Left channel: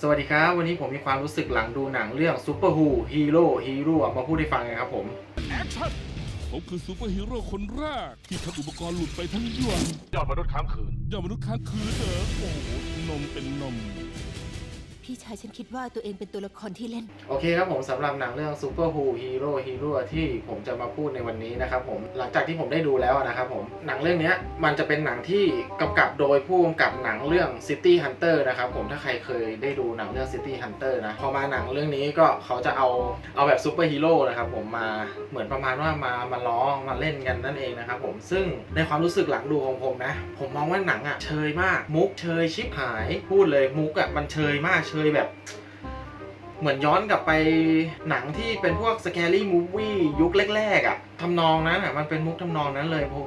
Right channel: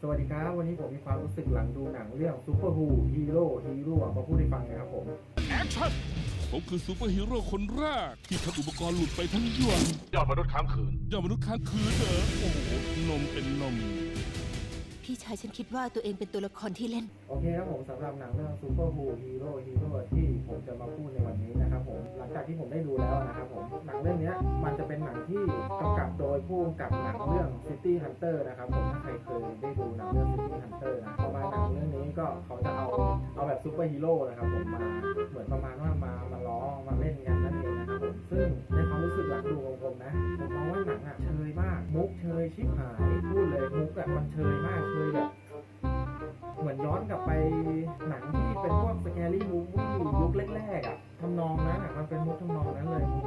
สวัสดีครับ วันนี้ผมมีความรู้สึกหลังดูหนังเรื่อง Super Who Hero Hero มาพูดให้ฟังกันครับผม แอคชั่นผมคือซูเปอร์ฮีโร่คนแรก ที่ทำอุปกรณ์หลุดไปทั้งยวงยอดมนุษย์ค้างคืนยอดมนุษย์ค้างคืนเหรอโอ้โหนมเป็นนม พี่ชายฉันคิดว่าตัวเองเป็นตัวละครที่เล่น โอเคครับผมสำหรับหนังเรื่อง Super Who Hero Hero ที่ผมจะมาพูดในวันนี้นะครับผมหลังจากที่ผมได้ดูแล้วนะครับผมหนังเรื่องนี้มันจะเป็นหนังที่กำกับโดยผู้กำกับหนังเรื่อง City Hunter นะครับผมถ้าใครเคยได้ดูหนังเรื่อง City Hunter นะพอมาหนังเรื่องนี้ก็เขาจะเอาเอาแบบซูเปอร์ฮีโร่นะครับผมมาเหมือนประมาณว่ามามาล้อมาเล่นกันนั่นเองนะครับผมซึ่งในความรู้สึกหลังดูของผมนะ ผมมองว่าหนังอะเชยมาก มุกเชยชิบหายพูดเลยมุกอะมันเชยมากเชยแบบ เหมือนย้อนกลับไปหนังที่เป็นพวกสแกรี่มูฟวี่ยุคแรกๆอะ่ะทำนองนั้นอะมันเป็นมุกทำนองนั้นเลยผม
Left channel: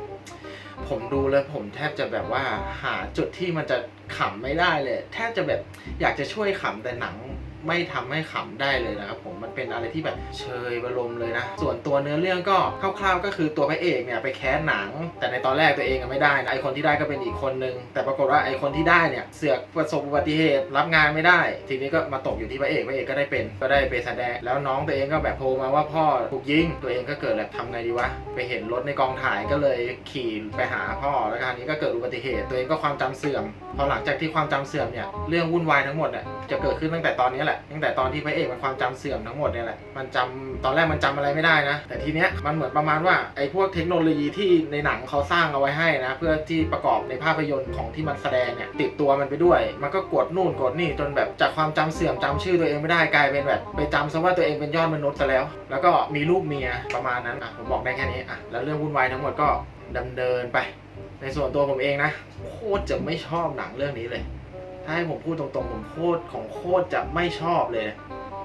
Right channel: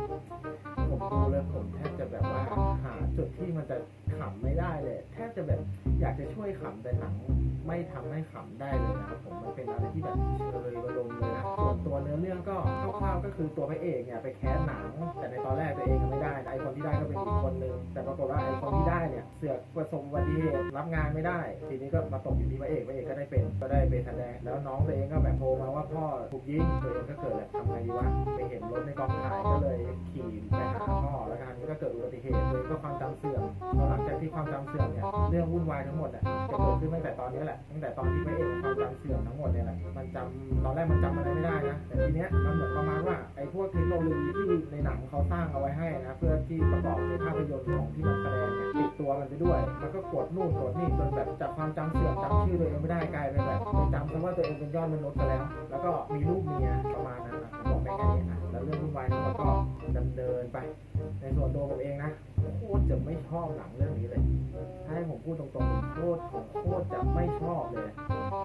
ผมดูแล้วผมแทบจะแบบว่าหาจุดที่มันจะขำไม่ได้เลย แทบจะแบบอยากจะช่วยขำแต่หนังไม่ทำให้ขำได้เลยนะครับผม มันเป็นอะไรที่แบบเชยบรมเลยนะ ส่วนตัวเนื้อเรื่องก็คร่าวๆก็คือตัวพระเอกเนี่ยไปแคสหนัง แต่ในตอนแรกตัวเองอะไม่ได้นะไอคนที่ได้ก็เป็นอีกคนนึง แต่ปรากฏว่าไอคนที่ได้เนี่ยเสือกประสบอุบัติเหตุรับงานไม่ได้ ทีนี้ก็มาตกอยู่ที่พระเอกพระเอกก็ได้เป็น ก็ได้ไปแสดงแล้วน้องตัวเองก็แบบโทรมาว่าพ่อถูกยิงตัวเองก็เกิดแบบทำไงดีวะไปเห็นรถในกองถ่ายก็เลยขี่ไปหาพ่อแล้วคราวนี้ก็เกิดอุบัติเหตุตัวเองก็ความจำเสื่อมพอหลังจากที่ความจำเสื่อมเนี่ยเรื่องวุ่นวายทั้งหมดเนี่ยจะเกิดขึ้นตั้งแต่ตอนนี้แหละตั้งแต่ตอนที่พระเอกมันความจำเสื่อมทั้งหมดเนี่ยแหละ มันจำตอนแรกมันจำอะไรไม่ได้นะ แต่ทีเนี้ยมันเหมือนประมาณว่าไอ้พวกเทคโนโลยีที่ในหนังเขาสร้างเอาไว้ให้นะ เพื่อที่ประกอบในภาพยนตร์ของที่มันแสดงเนี่ยติดตัวมันไปด้วย มันก็กดนู่นกดนี่จนแบบจากความจำเสื่อมจำชื่อตัวเองไม่ได้กลายเป็นแบบไปจำซะว่าตัวเองเป็นยอดมนุษย์ซะแล้ว แล้วก็มีลูกเมียประมาณนั้นอะผมบอกได้แค่นี้อะแล้วเรื่องวุ่นวายทั้งหมดก็ดำเนินไป ในส่วนตัวผมเองนะโคตรจะไม่ชอบหนังเรื่องนี้เลย ถ้าให้ผมพูดตรงๆ ผมโคตรของโคตรจะไม่ชอบเลย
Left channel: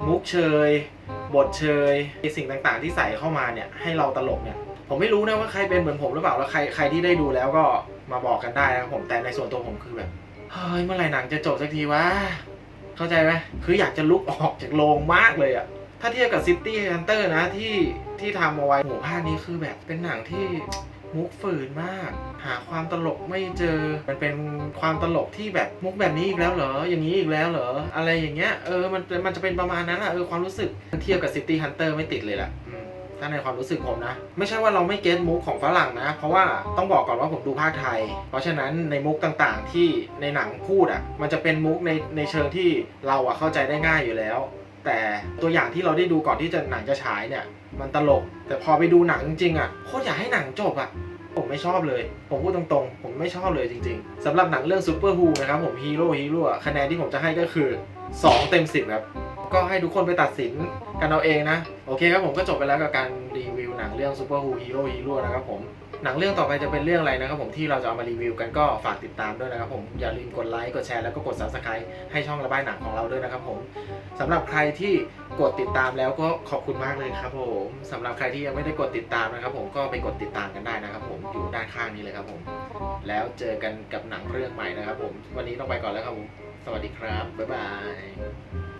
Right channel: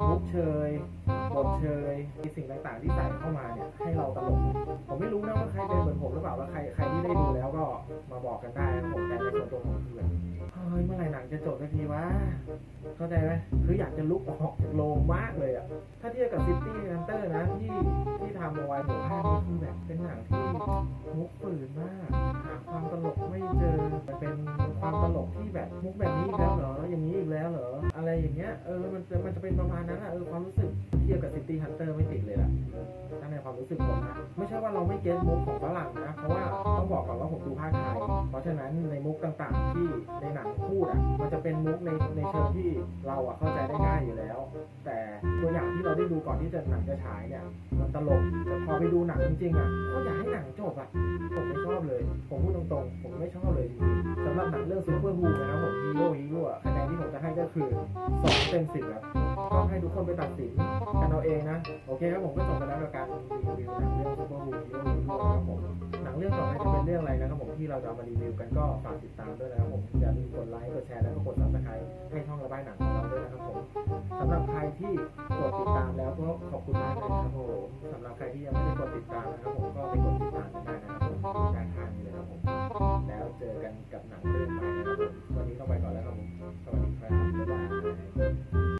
มุกเชย บทเชยสิ่งต่างๆ ที่ใส่เข้ามาเนี่ย ให้เราตลกเนี่ย ผมไม่รู้นะว่าใครเป็นเหมือนผมหรือเปล่า แล้วใครใครที่ได้ดูแล้วก็มาบอกกันได้นะครับผม แต่ในส่วนตัวผมคือแบบ เฮ้ย เมื่อไหร่หนังจะจบสักทีวะ เข้าใจไหมคืออยากจะลุกออกจากโรงมากเลยอะ ถ้าเทียบกับ City Hunter นะที่ที่ทำเอาไว้หภาคนี้คือแบบเป็นหนังที่มุกฝืนมาก หาความตลกไม่เจอ มันเป็นความตลกที่แบบมุกแบบนี้อีกแล้วเหรอ อย่างนี้อีกแล้วเหรอ อะไรอย่างเงี้ย เออ มันมันจะเป็นประมาณนั้นอะเออ ความรู้สึก เทียบกับ City Hunter ไม่ติดเลยแหละ ถ้าในความรู้สึกผมนะ ไม่ใช่ว่าเราไม่เก็ตมุกของฝรั่งนะ เพราะว่าต้องบอกก่อนว่าผมดูภาคไทย เพราะฉะนั้นในมุกต่างๆที่ในหนังพูดอะมันจะเป็นมุกในในเชิงที่เราอะเข้าใจได้ง่ายอยู่แล้ว แต่ตัวอย่างที่เราได้ดูก่อนที่จะหนังจะฉายเนี่ย มันตลก แต่พอไปดูหนังจริงๆอะโคตรอยากให้หนังจบอะผมไม่ชอบเลย ผมพูดตรงๆ ผมไม่ชอบเลยจริงๆสำหรับหนังเรื่อง Super Who นะครับผมฮีโร่ฮีโร่คะแนนที่ผมจะให้ก็คือ 2 เต็ม 10 ครับ ก็ให้ทุกคนไปตัดสินกันเอาเองนะ โอเคครับผมก็จบไปแล้วกับการรีวิวหนังเรื่อง Super Who Hero Hero นะครับผมหนังเรื่องต่อไปจะเป็นเรื่องอะไรนะครับผมที่เราจะเอามารีวิวกันก็ฝากติดตามด้วยนะครับผมอย่าลืมกดไลค์กดแชร์แล้วก็กด Subscribe ให้ช่องระบายหนังของเราด้วยนะครับผมสำหรับใครที่กดติดตามแล้วก็ขอบคุณมากเลยครับผมสำหรับใครที่ยังไม่ได้กดติดตามนะครับผมก็ไปกดติดตามกันได้นะครับผมอยู่ด้านข้างนี้เลยครับผมแล้วเจอกันกับหนังเรื่องใหม่นะครับผมวันนี้ต้องไปก่อนแล้วครับผมสวัสดีครับบ๊ายบาย